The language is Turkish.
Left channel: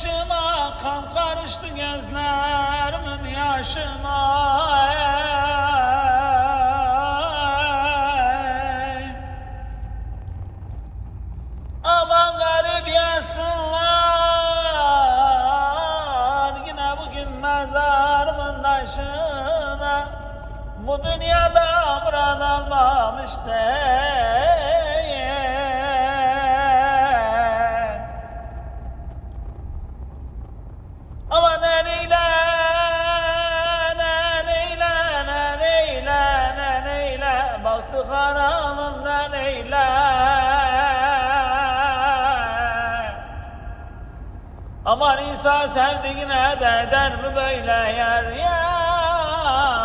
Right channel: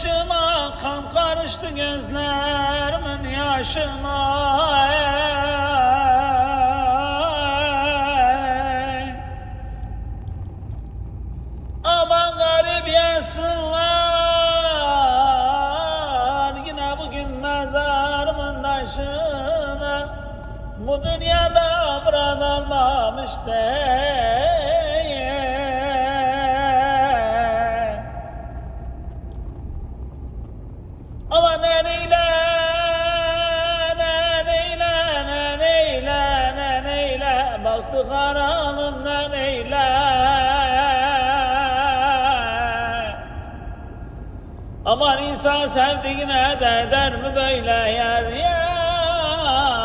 başıma, kan karıştı gözlerimin yaşına. Aman garip yesinler, yine bugün mezarımın taşına. Bu dünyada murat almamış değil. Ama neyle, baktı karanlığında neyle. Aman insan sevdiğine de eder mi böyle yer yer.